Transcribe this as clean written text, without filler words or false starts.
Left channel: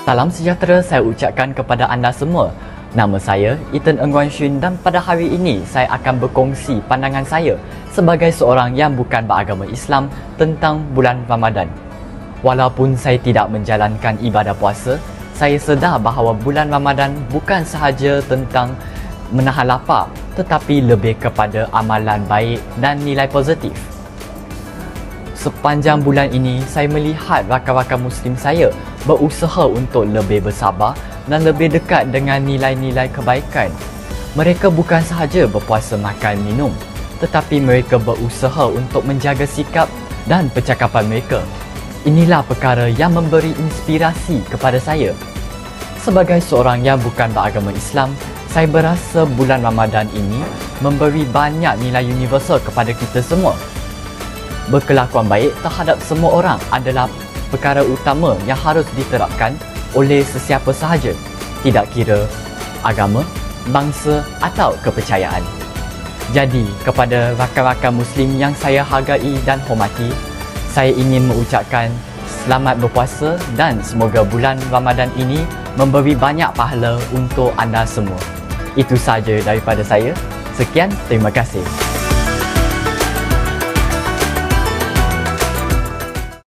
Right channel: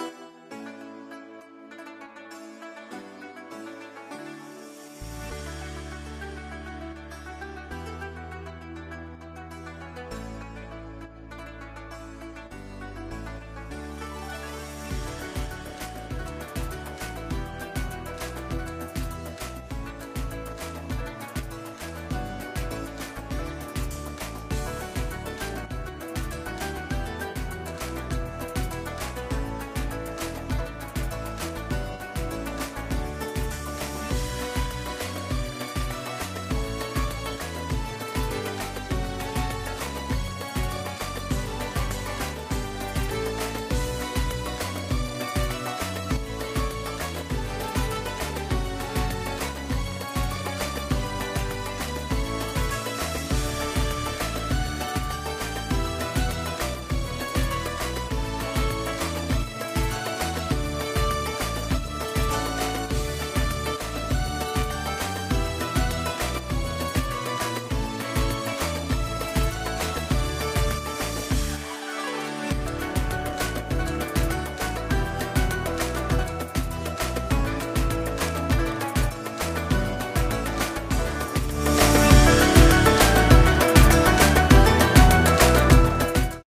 Salam sejahtera saya ucapkan kepada anda semua. Nama saya Ethan Ng Wan Shun dan pada hari ini saya akan berkongsi pandangan saya sebagai seorang yang bukan beragama Islam tentang bulan Ramadan. Walaupun saya tidak menjalankan ibadah puasa, saya sedar bahawa bulan Ramadan bukan sahaja tentang menahan lapar tetapi lebih kepada amalan baik dan nilai positif. Sepanjang bulan ini, saya melihat rakan-rakan Muslim saya berusaha untuk lebih bersabar dan lebih dekat dengan nilai-nilai kebaikan. Mereka bukan sahaja berpuasa makan minum, tetapi mereka berusaha untuk menjaga sikap dan percakapan mereka. Inilah perkara yang memberi inspirasi kepada saya. Sebagai seorang yang bukan beragama Islam, saya berasa bulan Ramadan ini memberi banyak nilai universal kepada kita semua. Berkelakuan baik terhadap semua orang adalah perkara utama yang harus diterapkan oleh sesiapa sahaja, tidak kira agama, bangsa atau kepercayaan. Jadi, kepada rakan-rakan Muslim yang saya hargai dan hormati, saya ingin mengucapkan selamat berpuasa dan semoga bulan Ramadan ini memberi banyak pahala untuk anda semua. Itu sahaja daripada saya. Sekian, terima kasih.